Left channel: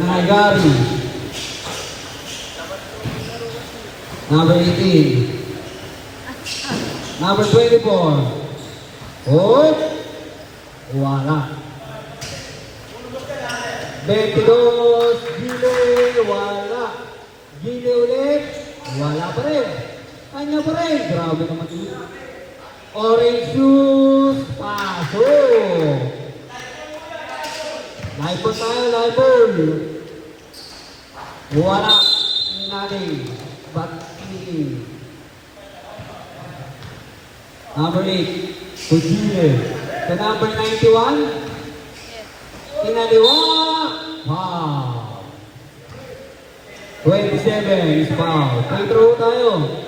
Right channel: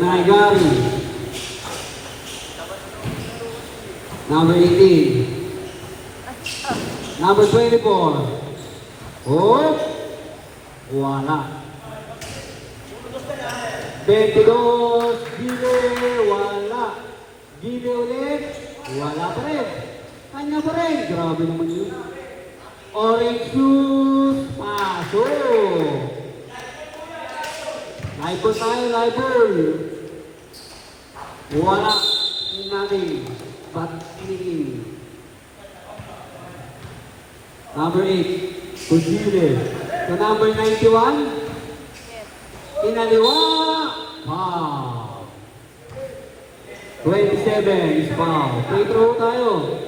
Nagari. Number 18. Number 24. Oh, wala. 22, Gile, wala. Gile ulit, wala pa rin. Kanya pa rin, grabe naman yun. Orange juice, pasok. Live ball tayo, live ball. Wala, hindi natin. But ini. Number 8, Gile. The number 91, Inaliwa. Wow. 27 is foul. Free throw tayo.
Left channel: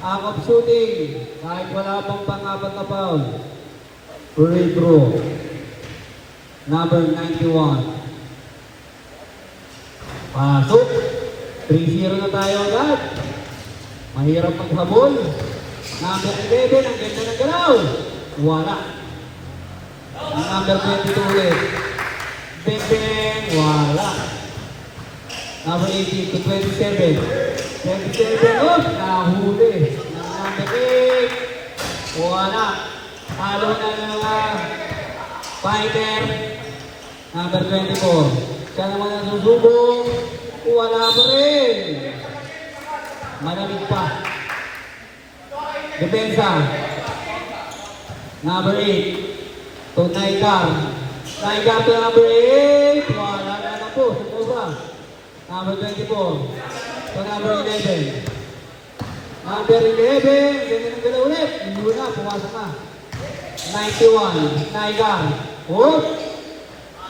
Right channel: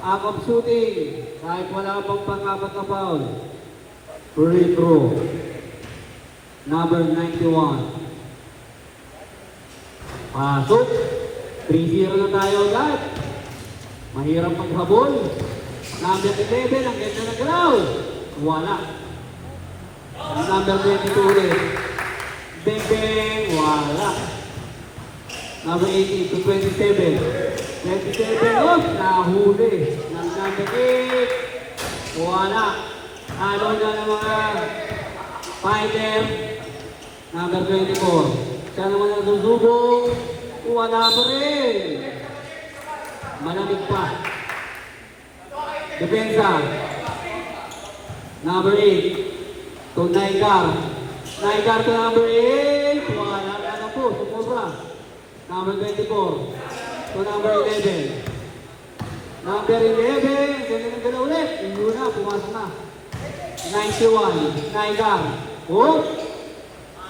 Up shooting. Kahit wala pang pang-apat na foul. Free throw. Number 91. Pasok. 3-0 na tayo agad. Mahirap maghabol. Number 11. Ang ganda ng galaw. Wala. Number 22 ulit. Bang bang. Wala. Number 18 to 27. 27 off. Nahuli. Number 8. Wala. Talo na ng mga fighter. Number 24. Siya naman ang susubong. Wala pa rin. Malamig pa. Depensa. Number 8. To Naikar. Naikar to number 8. Wala na po. Sumubra. Number 24. To number 11. Number 11. Ganyan ang galaw ulit. Hindi na. Pumasok na. 91. Naikar. Oh.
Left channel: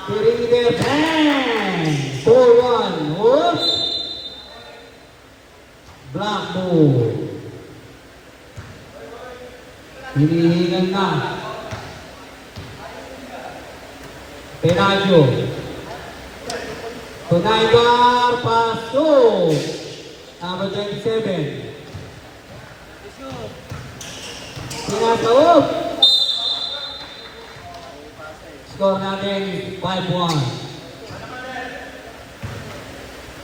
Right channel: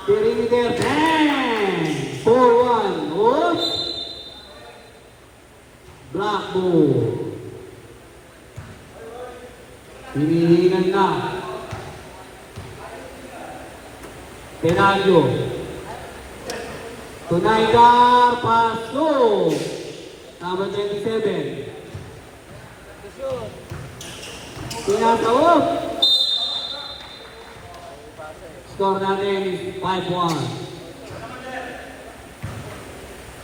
Perimeter. Bang! 4-1. Oh. Black ball. Hinihingan na. Penaggio. Tunaygar, pasok. Number 27. Pinasaob. Score natin 5-1.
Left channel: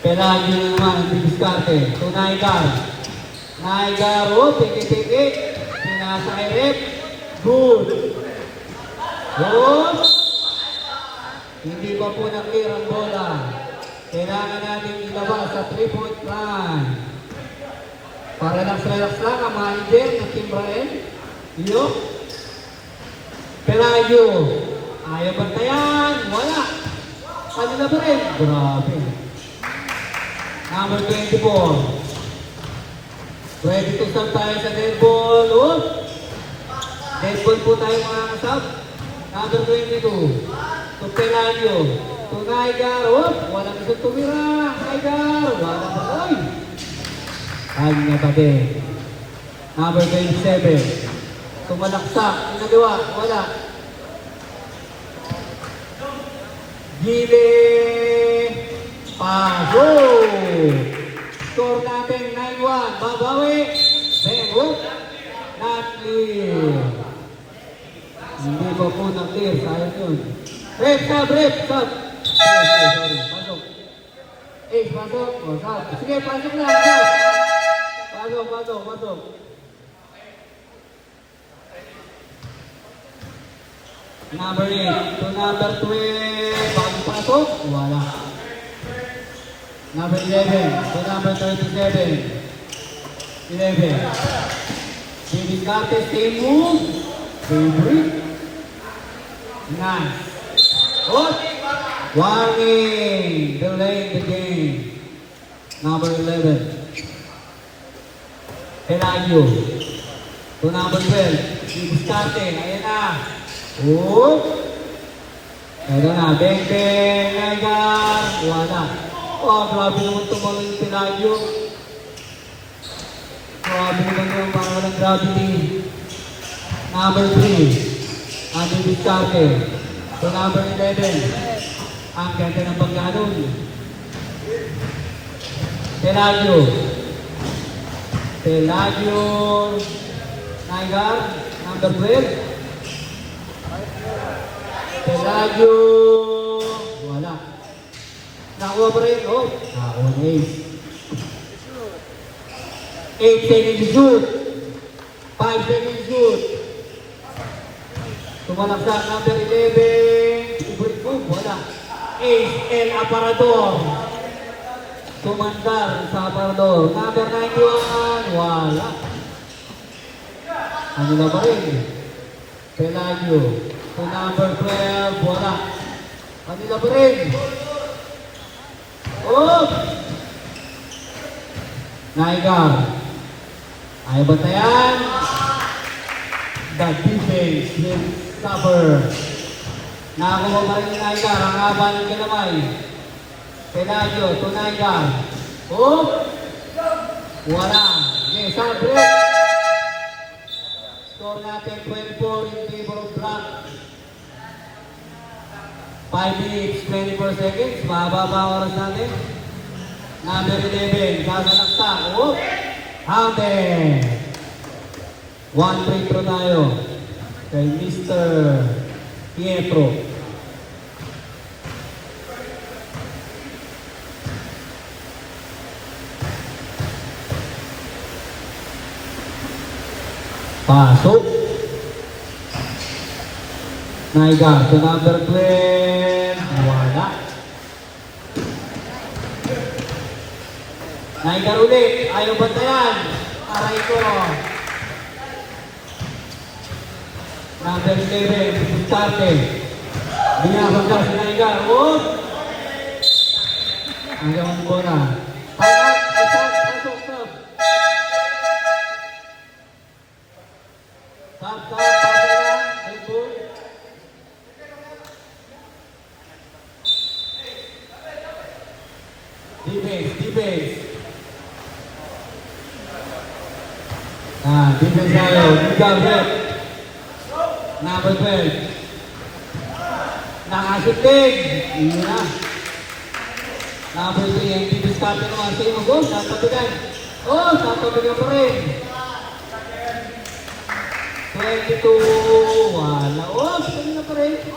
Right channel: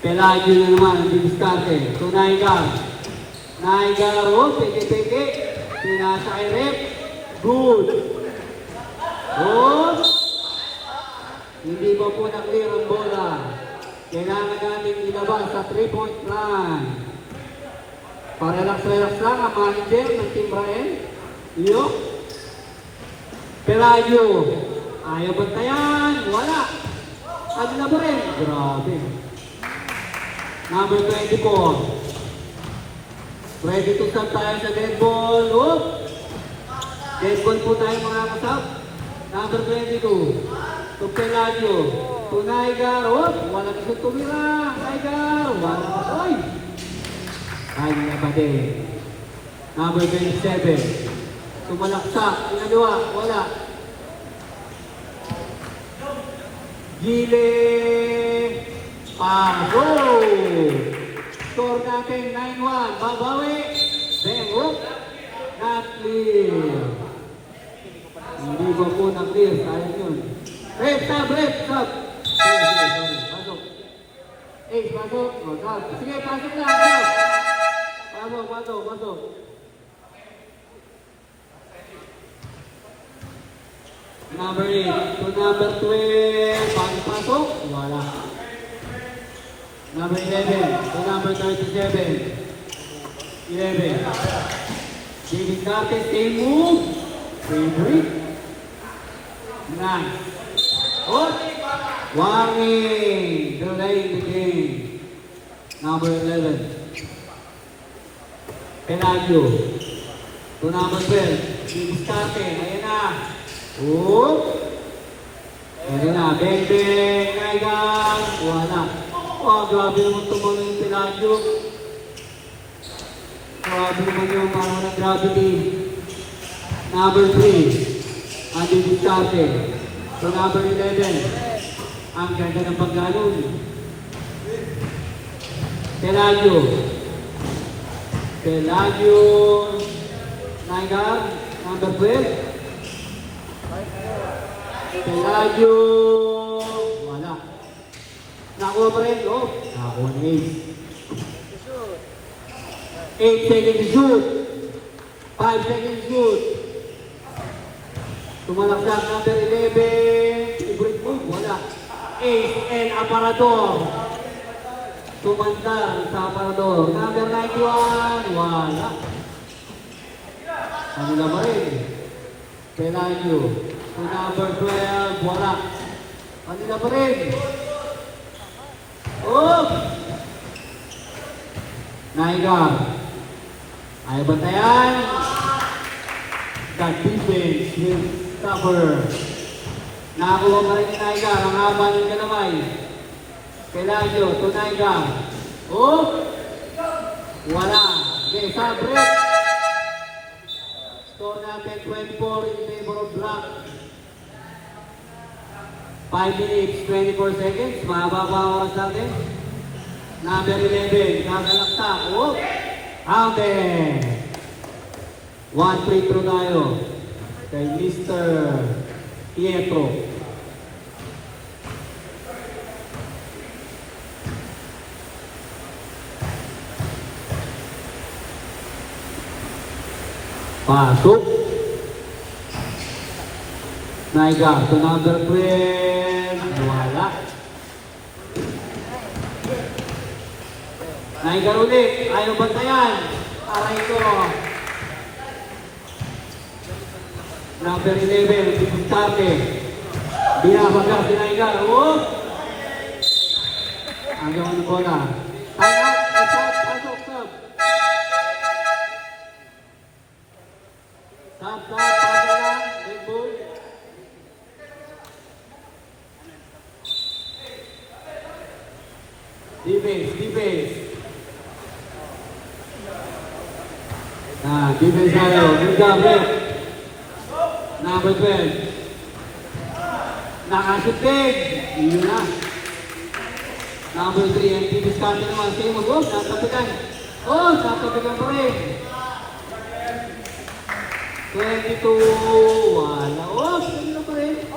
Penaggio na naman, diskarte. Tunaygar. Naigar, oh, teke-teke. Pinasa-irep. Good. Good. Hindi pa po nag-clear ang bola. Kailangan natin ilabas sa 3-point line. Para relax-relax lang ang manager ng Team Brian. Iyo. Pelayo. Ayaw bantayan. Wala. Kanila pa rin. Grabe. Number 24. Ready to start tayo sa dead ball. Oh. Dead ball po tayo mga kasap. Number 22. To Pelayo. To Naigar. Oh. Walang isang tumira. Naigar. Walang pakoy. Kanya pati. Number 27. Tumalaksak. Inaliwa. Wala. Gile. Pago. Score natin 9-1. Babawi. Then hook. Not clear. Hindi pa po na clear. Sayang yun. Rep, sub, rep, sub. Pasok. Pasok. O, sub. Sige, pasok lang. Sub. Pasok. Number 8 to number 12. Bago pasok. Wala. Number 11 to number 37. 11. Baby Carter, same move. Favorite. Nice. Oh! Warning! Delay in the game. Number 11. Pelayo. To number 12. Baby Carter. Ayan na. Oh! Ayan na. Bang, bang. Ayan. Wala. Oh, grabe naman tumagal yung Pelayo. Grabe naman yung parang walang gravity. Number 3. Number Vizcarre. So number 11. Ang ganda ng pagganon. Pelagio. Pelagio. Naigar, number 12. Pelagio. Wala. Nakuha pa rin. Oh, nakuha ni Ace. 8 seconds to shoot. 5 seconds to shoot. Tumalaksak number 11. Ubrit move. Wala. Ace El Aparador. Tumandar sa Aparador. Number 91. Wala. Ano na ba rin? Pelagio. To number 12. Wala. Ano na ba rin? Oh! Naigar. Ay batayan. That defense will suffer. Nakakuha pa rin ni Naigar. Ang haba ng kinamay. Pelagio to Naigar. Oh! Wala. Okay, side break. Score natin 24 in favor of Black. 5 minutes, 24 seconds. Mababa ang oras natin. Number 11. Nasa laksak. Oh! Out there. 1 free throw tayo. Kay Mr. Pietro. Pasok. Naigar to number 12. Wala. Naigar ulit. Ayaw bantayan. Aray ko. Number 11. Bisitarte. Binakagla si Naigar. Oh! Ang gawin ko na. Pasok. Pasok. Stop. Stop. Pasok lang. Red Bull. Defense. Defense tayo. Miguel. Number 12. Nakasutig. Iyon na. Number 3. Ang defense tayo naman. Sige mo, go. Tatapigan. Oh, tatapigan pa rin. 22. Wala. Oh, sige na pa rin.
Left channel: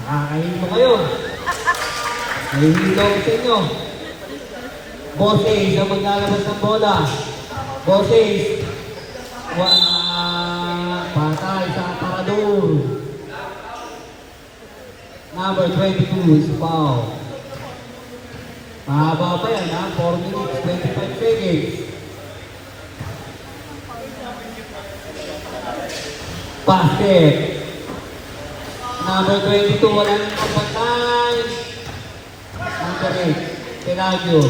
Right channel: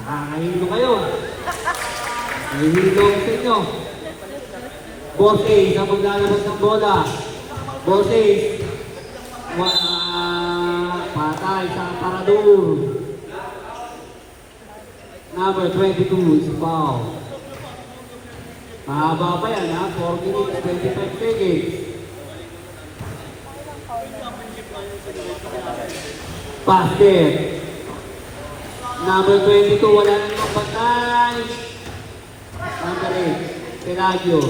Nakakahilo kayo. Nahihilo sa inyo. Boss Ace ang maglalabas ng bola. Boss Ace. Patay sa Aparador. Number 22 is foul. Mahaba pa yan ha. 4 minutes, 25 seconds. Basket. Number 22, wala nang kapatay. Number 8, Pelagio.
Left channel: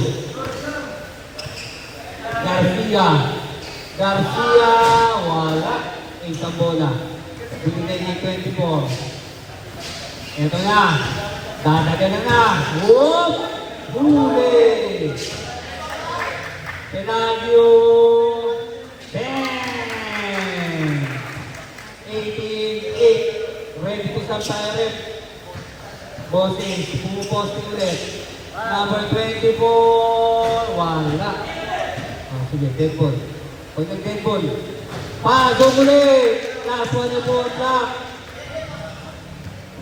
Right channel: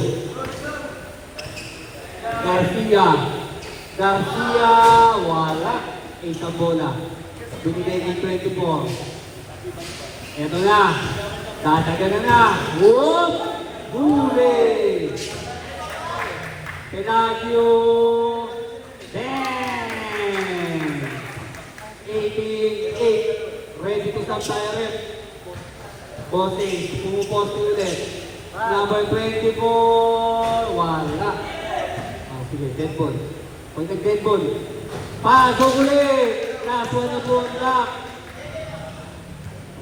Garcia, wala. Isang bola. Bibigay niya 24. Ito na. Dadaganan na. Whoop! Huli! Pelagio. Bang! 18-8. Ready to stop tayo rin. Bossing, pumuposte ulit. Number 24, wala. Sige, dead ball. Pag nag-dead ball, pasok ulit. Last one na po, lock.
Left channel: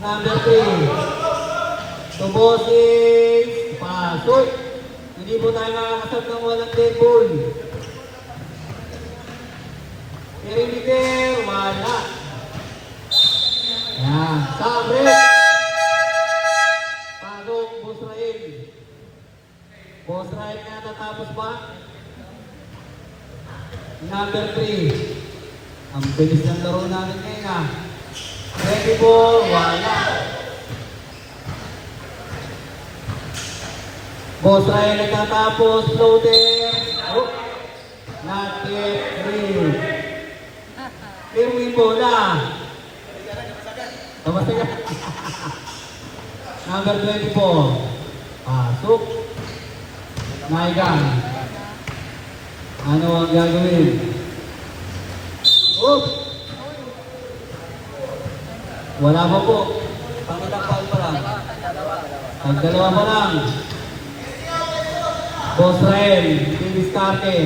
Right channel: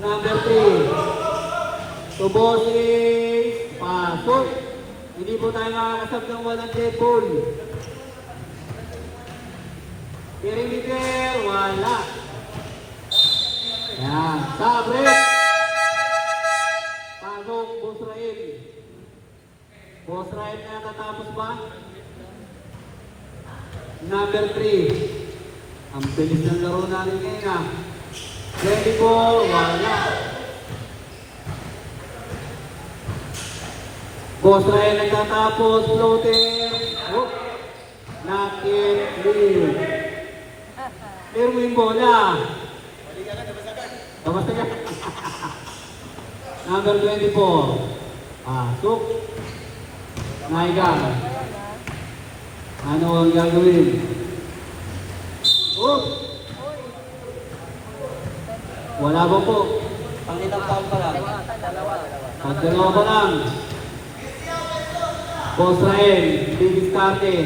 Number 3. To bossing, pasok. Hindi po tayo nakakasap ng walang dead ball. Perimeter, wala. Yan, sabre. Pasok, Boss Rael. Boss Rael na natapos ba? Number 3. Ang bilis ng laro natin ngayon 24, wala. Boss Rael nagtatapos, floater. Oh, not yet, clear. Clear mo yung bola. Kamusta ka? Number 24. Pasok. Naigan. Ano ang gagawin? Oh! Wala ba po? Pangitang pa lang. Pagdalawa pa lang. Boss Rael, didiskarte.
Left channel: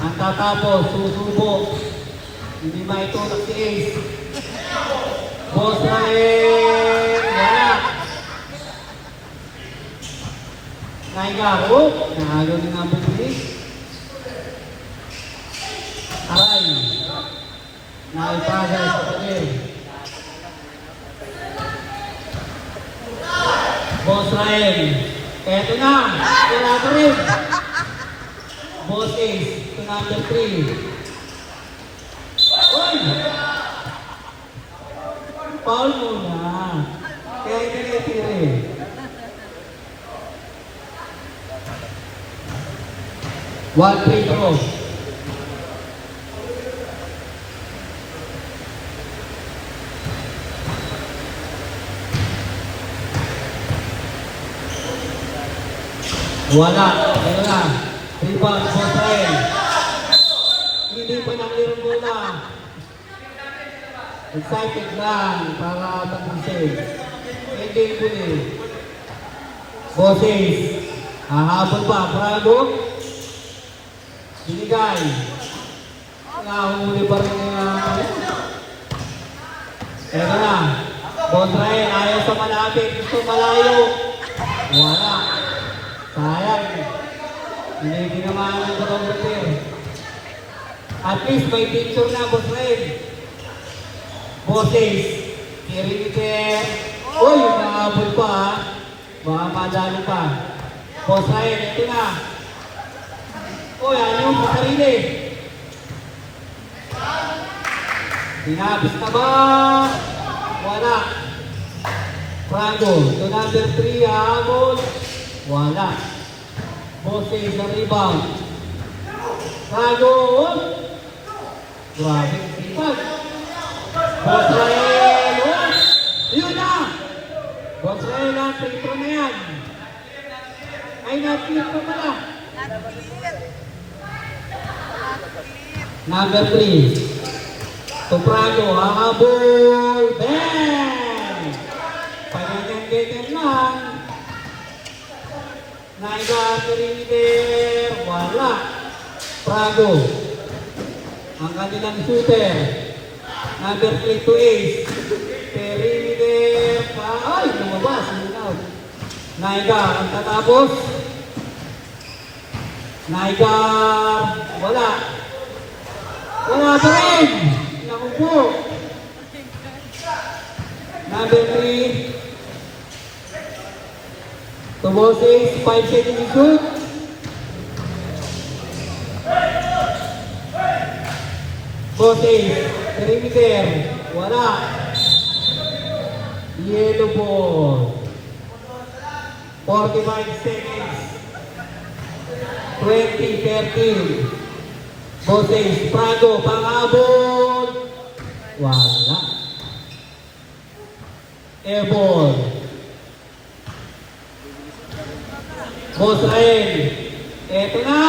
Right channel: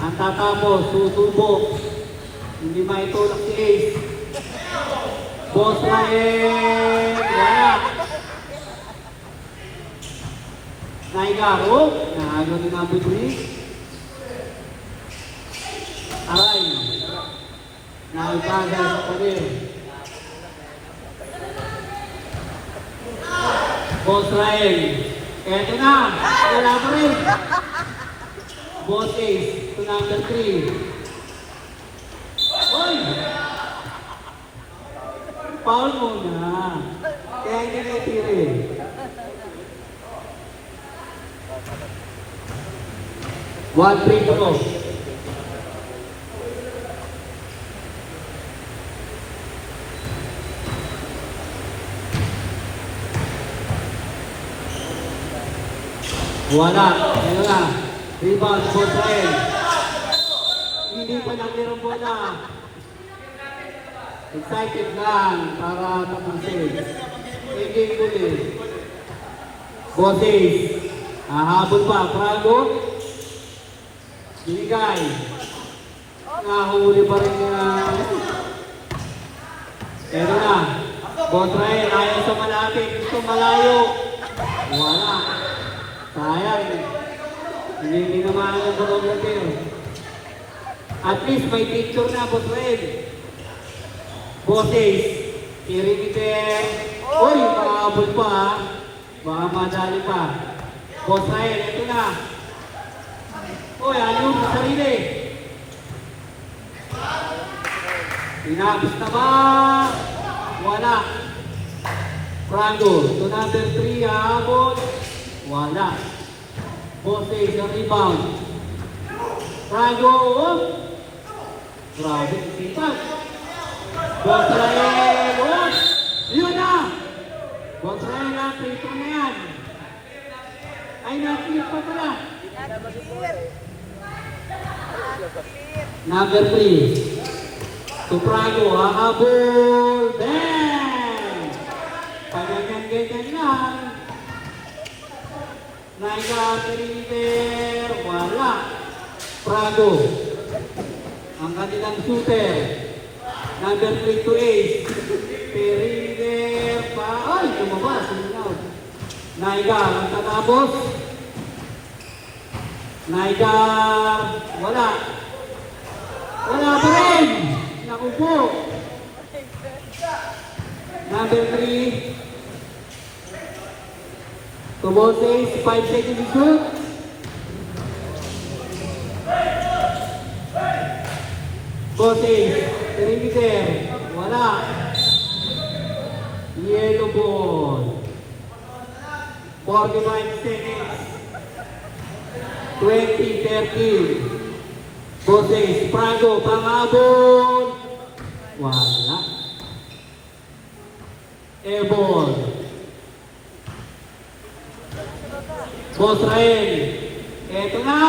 Ang tatapos, susubo. Hindi maitulak si Ace. Boss Rael, wala. Naigaro, nakagaw ni number 3. Aray. Naipagay sa karir. Boss Rael. Eto na. Wala pa rin. Boss Ace. To number 3. Oy! Foul mo na. Kaya hindi na tiri. One free throw. Wala. Ayun na. Rebound. Boss Rael. Hindi pa naglaro muna. Excited lang para pag-save. Hindi tuloy. Boses. Hahabol pa. Bravo. Binigay. Nahuli pa rin yung... Ito na. Boss Rael. Ayaw sa malapit. Gusto malayo. Wala. Sayang. Hindi ginawa ng barometer. At least may picture na, Boss Rael. Boses. Perimeter. Uy, nakahabol pa ha. Baka madalo pa. Boss Rael, ito na. Uy, ano sa sarili? Pinabis na ba? Wala. Franco, to number 3, hahabol. Wala. Boses ang rebound. Franco. Grabe, sipag. Boss Rael. Yun na. Boss Rael na, free throw na yan. Ay, na-flip pa pala. Number 3. Soprano, hahabol. Bang! Paganyan-ganyan lang. Naida, perimeter. Wala. Prado. Ang kanilang shooter. Number 3 to Ace. Perimeter. Ay, lumabas. Naida, ang tatapos. Naida, wala. Wala pa rin. Naku po. Number 3. To Boses, 5 seconds to shoot. Boses, perimeter. Wala. Yellow ball. 45 seconds. 20-13. Boses, Prado, panghabol. Wala. Airball. Boss Rael. Eto na.